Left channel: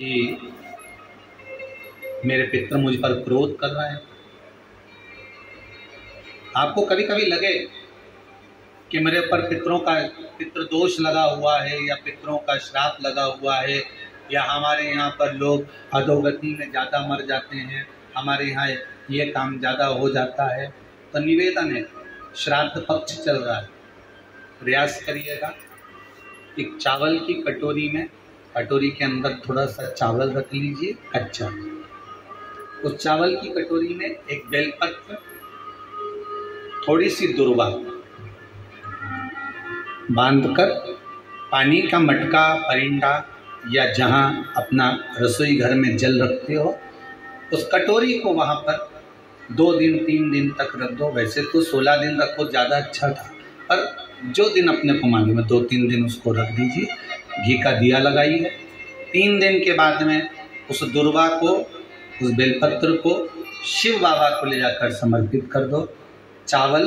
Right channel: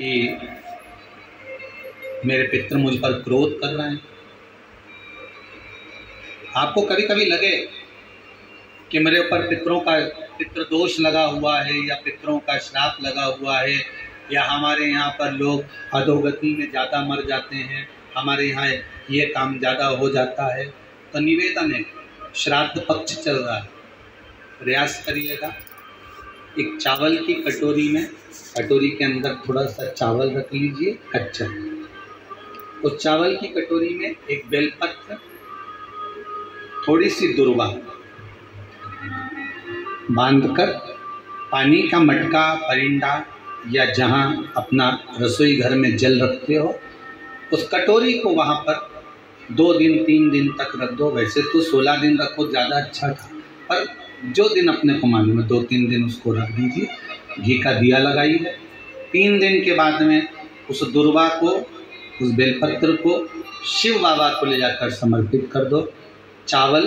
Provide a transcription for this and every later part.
कि मेरे पितृ मुझ पर क्रोध कर रहे हैं। आपको कभी कभी लगे कि मेरे ऊपर पितृदोष लगा हुआ है या पितरों का श्राप लगा हुआ है या हमारे यहाँ पर लोग अधोगति में ज़्यादा मर जाते हैं, हमारे यहाँ ये काम ज़्यादा हो जाता है, तो निवेदन है, श्राद्ध पक्ष चल रहा है, प्रयास करिएगा। एक चावल की कटोरी में, कटोरी के अंदर थोड़ा सा चावल रख लीजिए कच्चा। उस चावल की कटोरी में एक बेलपत्र, थोड़ी सी दुर्वा बांधकर पानी का मटका, परिंदा या जहाँ अपना रसोई घर में जल रखते हो, उस कटोरी को वहाँ पर 2 दिन 3 दिन तक रख दो। वैसे तो 16 दिन रखो, ज़्यादा अच्छा था, पर जो दिन अपने को मालूम है 2-3 दिन उसको रख दीजिए। घी का दिया लगाइए। 3 दिन के बाद में उस दुर्वा को, उस बेलपत्र को शिव बाबा को ले जाकर समर्पित कर दो। चावल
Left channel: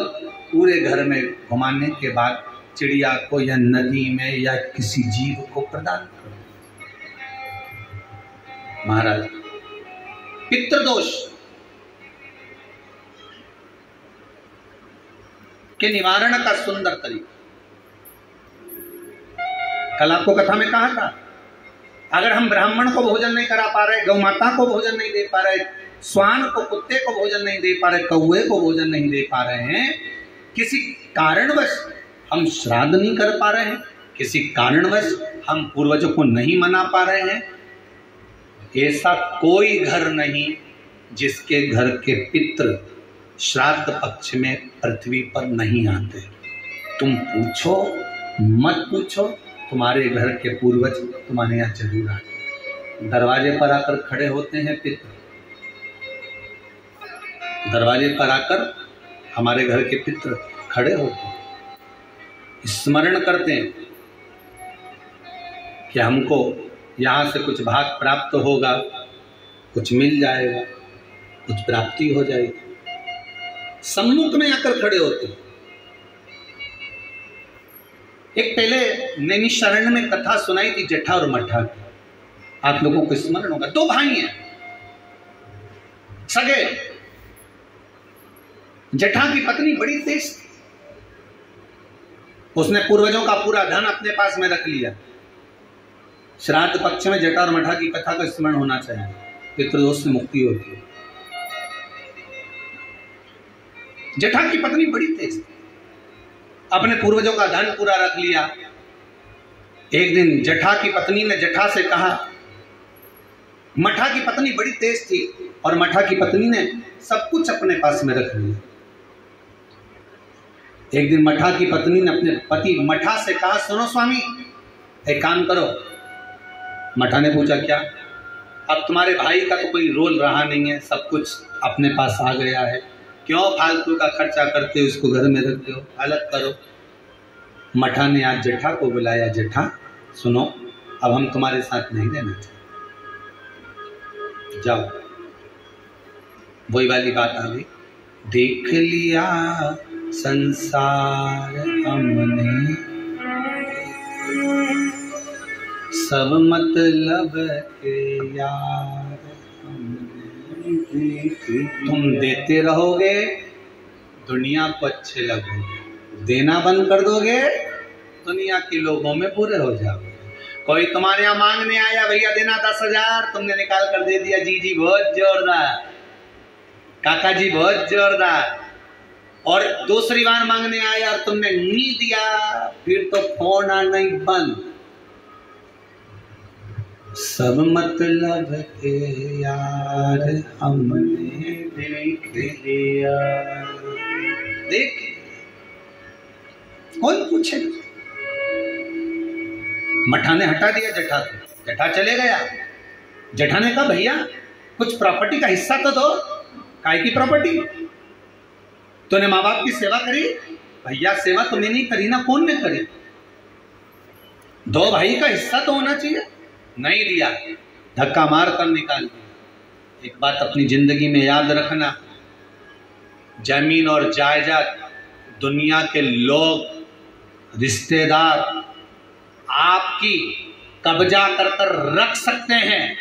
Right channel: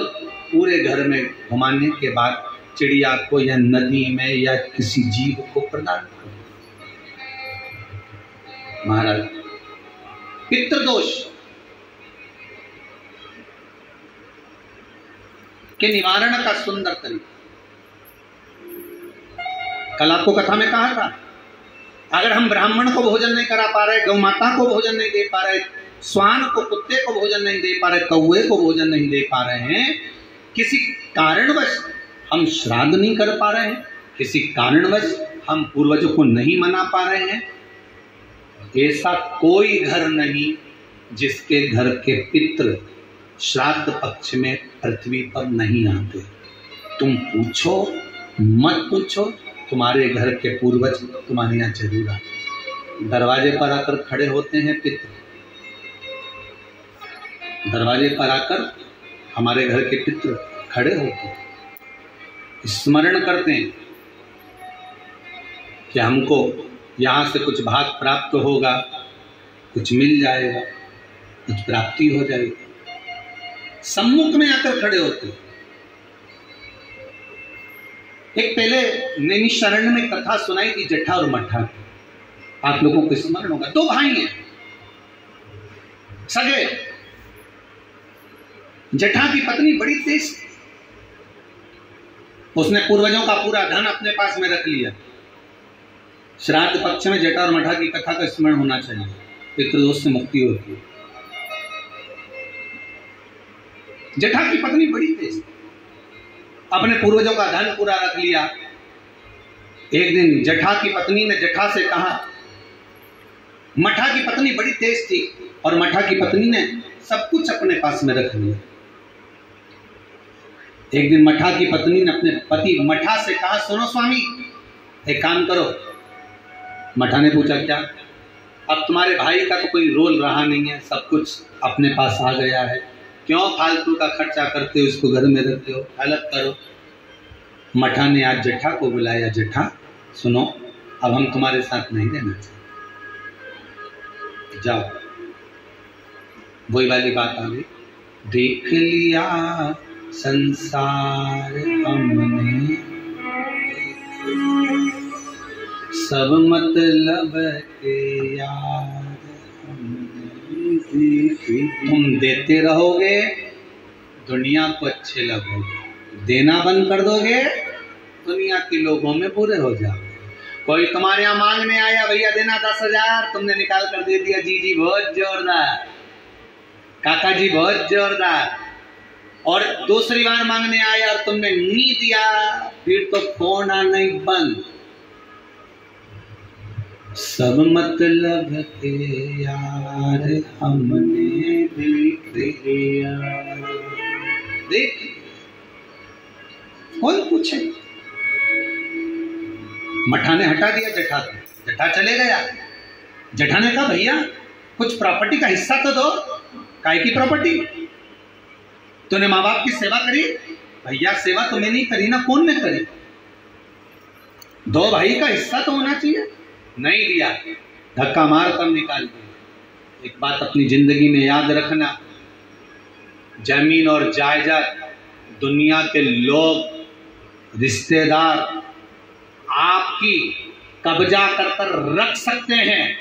पूरे घर में घुमाने के बाद चिड़िया को या नदी में या किसी जीव को प्रदान कर दो। महाराज, पितृदोष के निवारण का सुंदर तरीका। कल आपको कथा में कहा था, अगर हम ब्राह्मण को भोजन नहीं करा पा रहे, गौ माता को भोजन नहीं दे पा रहे, श्वान को, कुत्ते को भोजन नहीं दे पा रहे, कौवे को भोजन नहीं दे पा रहे हैं, किसी कारणवश हम श्राद्ध नहीं कर पा रहे हैं, किसी कारणवश हम पूर्वजों को नहीं मना पा रहे हैं, ऐसा कोई घर नहीं जिसके घर के पितृ श्राद्ध पक्ष में पृथ्वी पर नहीं आते। तुम पूछो मत पूछो, तुम्हारे घर के पूर्वज तुम्हारे यहाँ जरूर आते। दरवाजे पर आकर खड़े होते हैं पितृ, दरवाजे पर आकर हमारे घर के पितृ खड़े होते हैं, स्मरण करते हैं कि हमको यहाँ से कुछ भाग प्राप्त होगा, कुछ मिल जाएगा, कुछ प्राप्ति हो जाएगी। सम्मुख में आकर खड़े होते हैं। एक पहले नैमिषारण्य में कथा सुनाई थी जटा और मठा की, आप लोगों को स्मरण होगा। 2 भाई हैं सगे। जटा की पत्नी बड़ी तेज थी, उसने पूर्वजों का पूरा धन अपने पास में रख लिया। श्राद्ध पक्ष में जटा और मठा की कथा का स्मरण होना चाहिए, पितृदोष से मुक्ति होती है। जटा की पत्नी बड़ी तेज थी, अपने पूर्वजों का धन पूरा रख लिया। एक दिन जटा की पत्नी ने जटा से कहा, मठा की पत्नी बड़ी तेज थी और मठा की पत्नी ने सब कुछ अपने पास में रख लिया। एक दिन मठा की पत्नी ने अपने पति मठा से कहा, सुनो स्वामी, एक काम करो। मठा ने पूछा, क्या? अब तुम्हारे भाई का तो कोई रोल रहा नहीं है, सब कुछ अपने पास आ गया है, क्यों फालतू का खर्चा करते हो, उसको घर में रखते हो, अलग करो। मठा ने आज जटा को बुलाया, जटा सुनो, अब हम तुम्हारे साथ नहीं रहना चाहते, जाओ। वही वाली बात आ गई, देख लिया संसार हमने, सब मतलब के यार हमने। तुम देते रहोगे, दुनिया को अच्छे लगोगे, देना बंद कर दोगे, दुनिया के लोगों में बुरे हो जाओगे। कोई तुम्हारे यहाँ मांगने आया, भैया देना 10,000, तुमने निकाल कर दे दिया, जी जी बहुत जोरदार, काका जी बहुत जोरदार। और दूसरी बार मांगने आया और तुमने नहीं दिया, फिर तो फोन आना ही बंद। सब मतलब के यार हमने देख लिया, देख कौन पूछे। मठा ने हटा दिया जटा को, जटा चले गया। जटा ने कहा, भैया कुछ प्रॉपर्टी का हिस्सा तो दो। काय की प्रॉपर्टी? तूने माँ बाप की सेवा करी? भैया सेवा तुम्हें नहीं करी ना, कौन ने करी? 2 भाई का हिस्सा तो होना चाहिए। नहीं दिया, धक्का मार कर निकाल दिया। एक बात अपनी जिंदगी में याद रखना, जमीन और जायदाद दुनिया के लोग, रिश्तेदार आपकी कब्जा कर रख सकते हैं,